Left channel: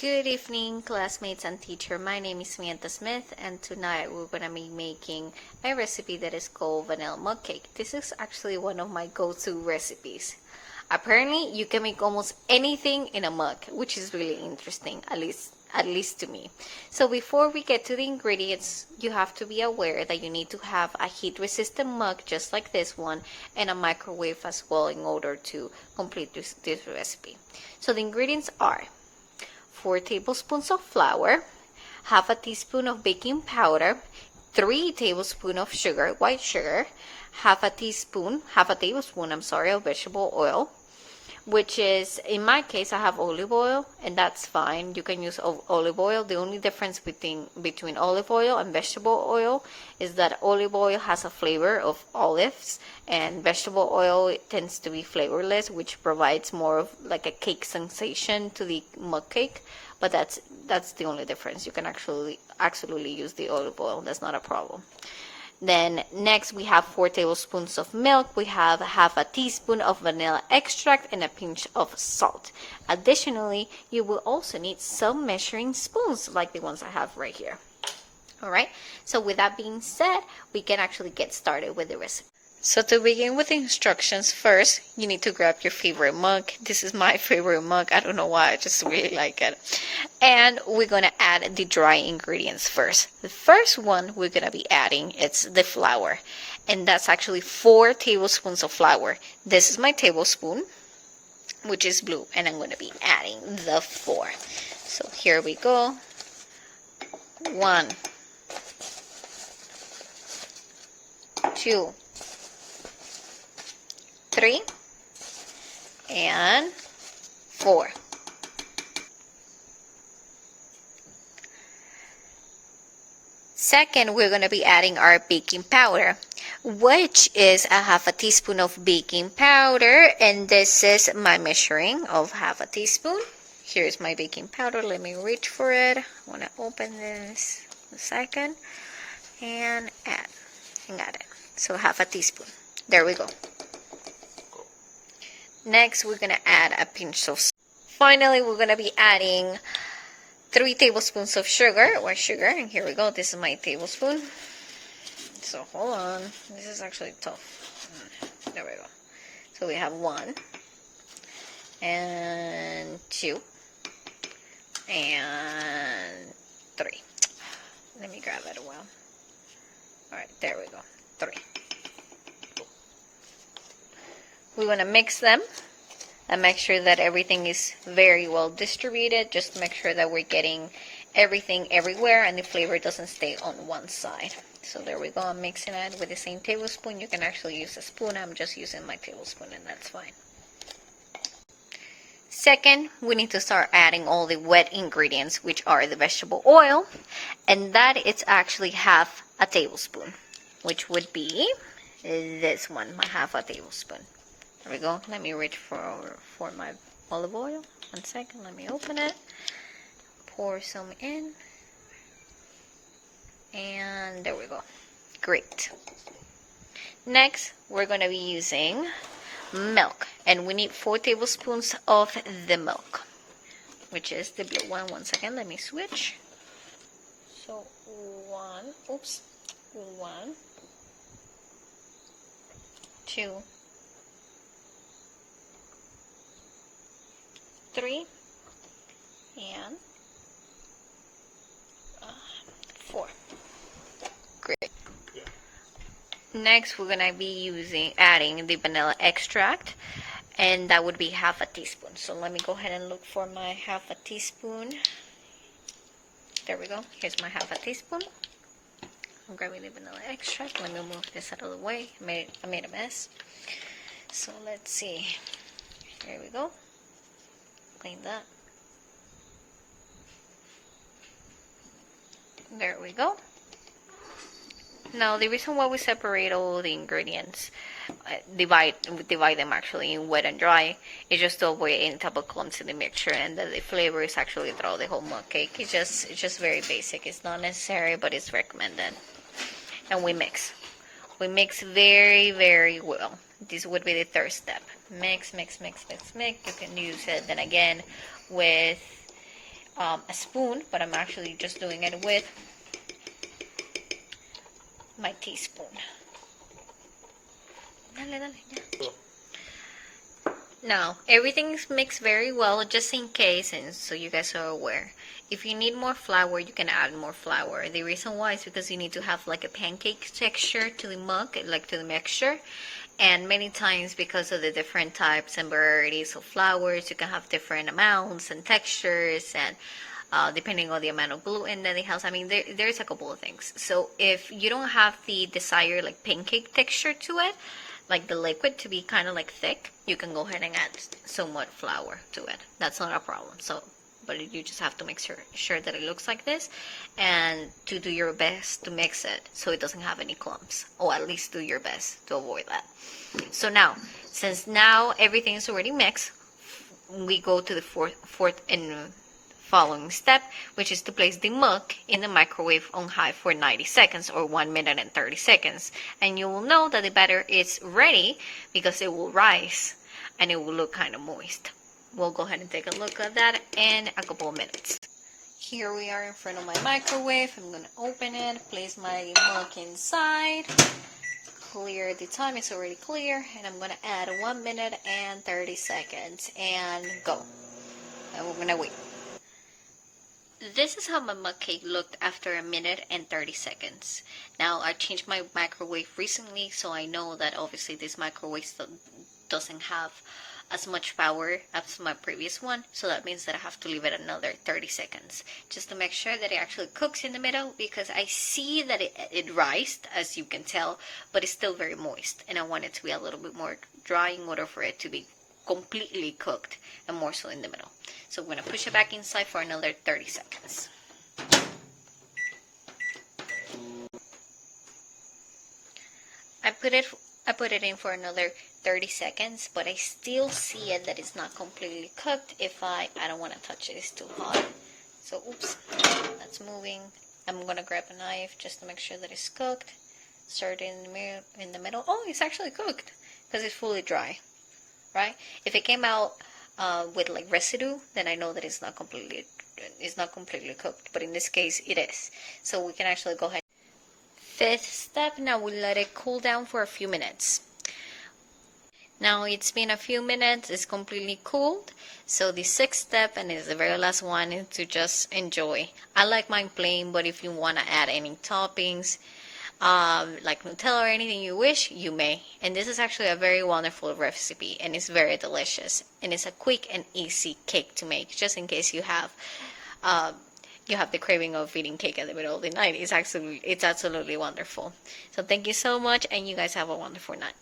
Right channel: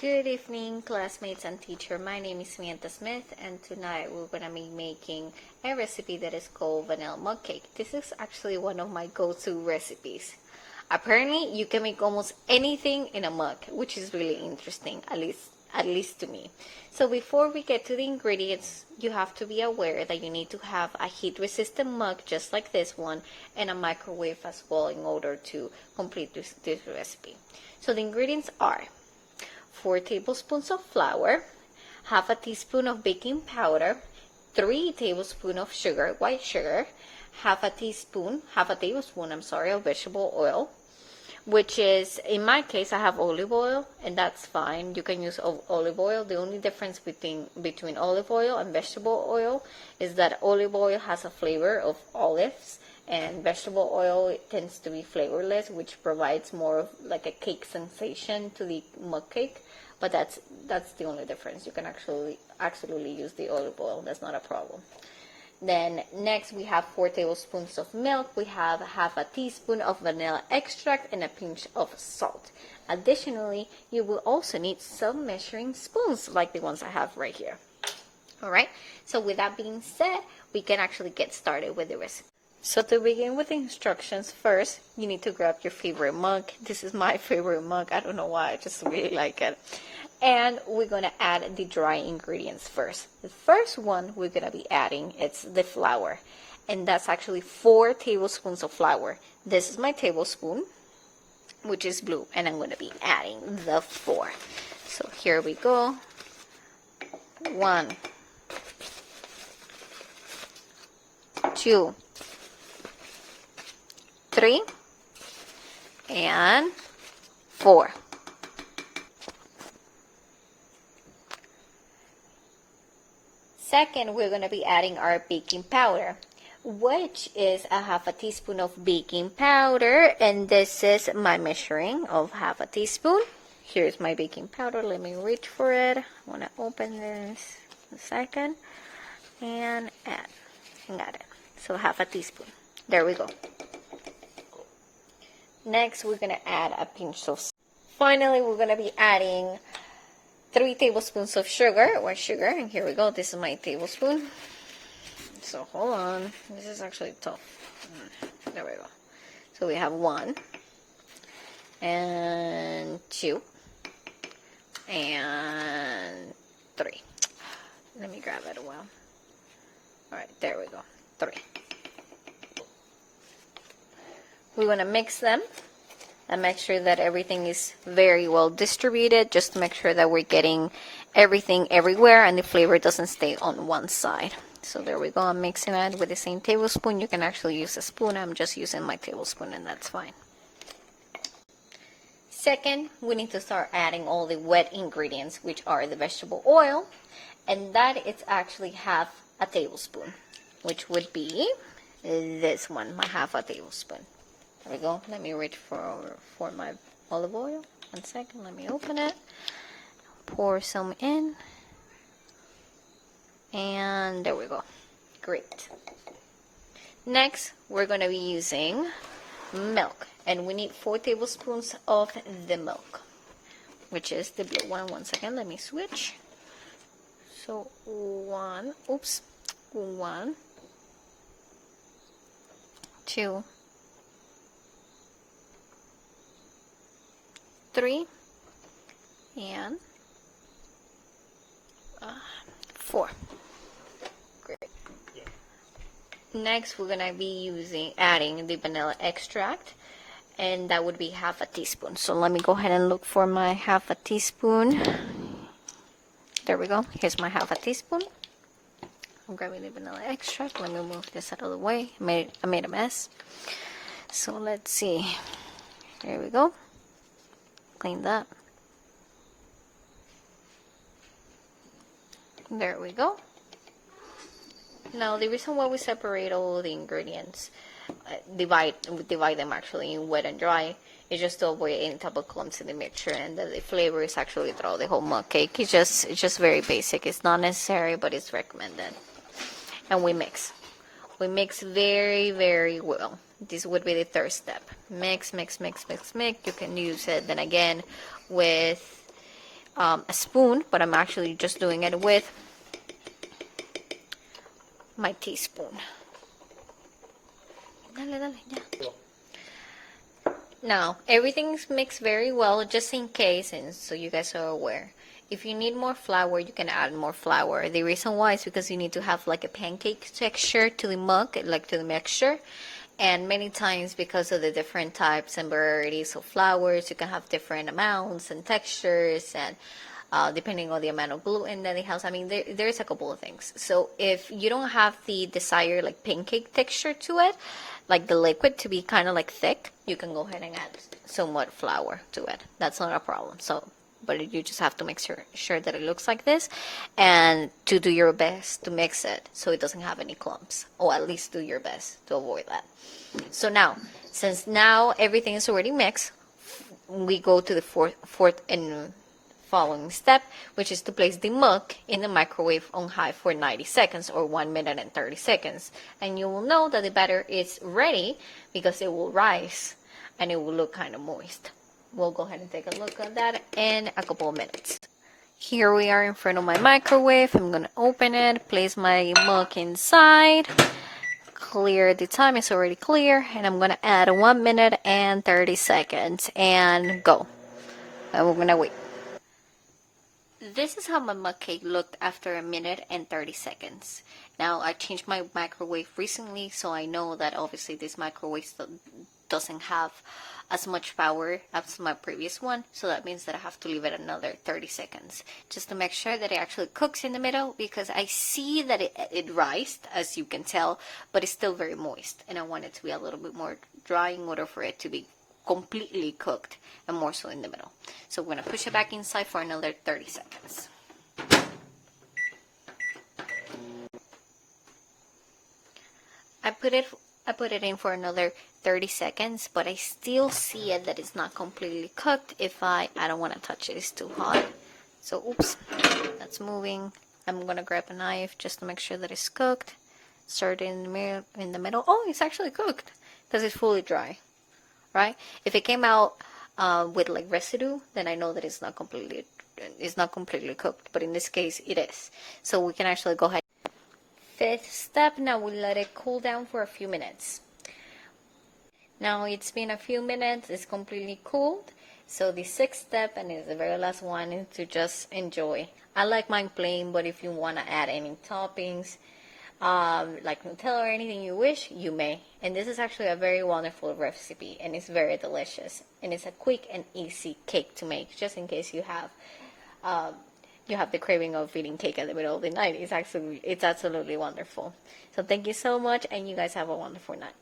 Good evening, classmates and teacher. My name is Samantha Smith, and tonight we're going to be making a recipe that is called vanilla mug cake. This is actually one of my go-to recipes. Apparently, you can make almost anything in a mug, which is really interesting, at least to me. So before we get to the ingredients, you have to be aware that you need to have a heat-resistant mug just like this one and a microwave as well in order to complete this recipe. So the ingredients are 4 tablespoons of flour, half a teaspoon of baking powder, 3 tablespoons of sugar, white sugar, half a tablespoon, of vegetable oil, which is, in my case, I have olive oil, and that's fine. You can use olive oil. The only difference between olive oil and vegetable oil is that olive oil has a flavor of olives, and vegetable oil tends to be flavorless, which provides more of like a cake sensation to the mug cake. But that's the only difference. You can absolutely use the olive oil. That's not a problem. Then next we have 4 tablespoons of milk, we have half a teaspoon of vanilla extract, and a pinch of salt. Additionally, you will also need some measuring spoons like the ones I have right here. Alright, so with that being said, we can actually get started with the recipe. So to begin with the instructions, first you need to grab your favorite mug. This is my favorite mug. I don't know why, I just really like it. And we're going to add the dry ingredients first. The first one we're going to be adding is the flour. And that's actually 4 tablespoons of flour. This is my tablespoon, which is blue. And I'm going to be adding the 4. So here we go. 1, 2, 3, and 4. Second, we're going to be adding our baking powder, which is a half a teaspoon of baking powder, and this is my measuring of half a teaspoon. Here's my baking powder. Let me reach for it. I want to open this a second and add. And got it. So half a teaspoon. There we go. Next, we're going to add a pinch of salt. Finally, we're going to be adding 3 tablespoons of sugar, white sugar, and here we go. This is my tablespoon. So hold on. This is actually tough. There we go. So we have 1, and 2, and 3. Let me grab it well. Alright, there we go. 3. We want to mix them and make sure that everything is very well distributed, just to make sure that we're getting everything everywhere and the flavor doesn't stay on one side. So there we go. I'm mixing it with the same tablespoon. You can actually use a spoon. I'm just using my tablespoon, and that's fine. Second, we need to start adding all the wet ingredients, which are the vegetable oil, and that is actually half a tablespoon, which would be this one, my half a tablespoon. There we go. Let me reach for my olive oil. 1 second. Let me open it. Pour some in. And there we go. Great. Next, we're going to be using milk. And we need 4 tablespoons of the milk, which is the blue one. 1 second. Let me switch. So 1, 2, 3, and 4. Great. Next, we're going to be adding the vanilla extract, and that would be half a teaspoon. So let me go ahead and look for my half a teaspoon. There we go. Here's my half a teaspoon. I'm grabbing the vanilla extract. Let me move this out of the way. I made a mess. So let's see. Here we go. Clean that. There we go. Now the reason why we separate all the ingredients, divide them actually in wet and dry, is just to avoid any type of clumps in the mixture, and that the flavor is actually throughout the whole mug cake. It's just very basic. It's not necessary, but it's recommended. And we mix very, very well. This would be the third step. Mix. You can use it then again with a spoon, but I'm actually just doing it with my teaspoon. Now, everything's mixed very well, just in case, and so you guys are aware. If you need more flour, you can add more flour. The reason why is because you need to have like a pancake texture to the mug, like to the mixture. And many times, because of the different types and varieties of flours, you can have different amounts and textures, and depending on the amount of gluten that it has. I mean, there's a couple of things. So if you don't have the desired like pancake texture to it, like the liquid to be kind of like thick, you can go ahead and add somewhat flour to it. That's not a problem. So, but you just have to make sure that it looks like this, and to do your best to mix it so it doesn't have any clumps, or at least do your best to avoid that. So now, since now everything is already mixed, we go to the fourth and following step, which is to place the mug in the microwave on high for 90 seconds or 1 minute and 30 seconds. And you will know that the batter is ready because it will rise and it will look kind of moist. We'll go ahead and take a look at that in a couple of minutes. Here we are in front of my microwave. I'm going to open it, place my mug inside, clear the time, it's already clear, and I'm going to add 1 minute and 30 seconds and go. And we're going to wait. This is how my mug cake looked after 1 minute and 30 seconds. Now, I changed my microwave recently, so I know that obviously this microwave doesn't have as much power as my previous one, so that means that I have to leave it another 30 seconds just to make sure that it actually cooks in the middle, because I see that it rised, as you can tell, but it's still very moist, and I want it to be a little bit more dry in order for it to be completely cooked and more so in the middle. So I'm going to push it back inside for another 30 seconds. I put it in for another 30 seconds, but I still see it that it's not completely cooked. If I don't want to touch it, it's too hot. So oops, that's moving. I'm going to grab a knife just to make sure that it's cooked. Stir it in the middle. Oh, it's actually cooked because it's fully dry. Right? If it came out with like residue, then I know that it's not completely cooked. But in this case, it is. So we can actually go ahead. Fifth step. Now we let it cool down for a few minutes. Now it's been a few minutes. It's completely cooled. So the sixth step, and is the very last one, is to just enjoy. I like mine plain, but if you want to add any toppings, like Nutella or anything you wish, you may. And this is actually a very wonderful recipe, and it's very delicious, and it's a quick and easy cake to make, just in case you have the craving of eating cake at the middle of the night. It's absolutely wonderful. So thank you so much, and you guys have a wonderful night.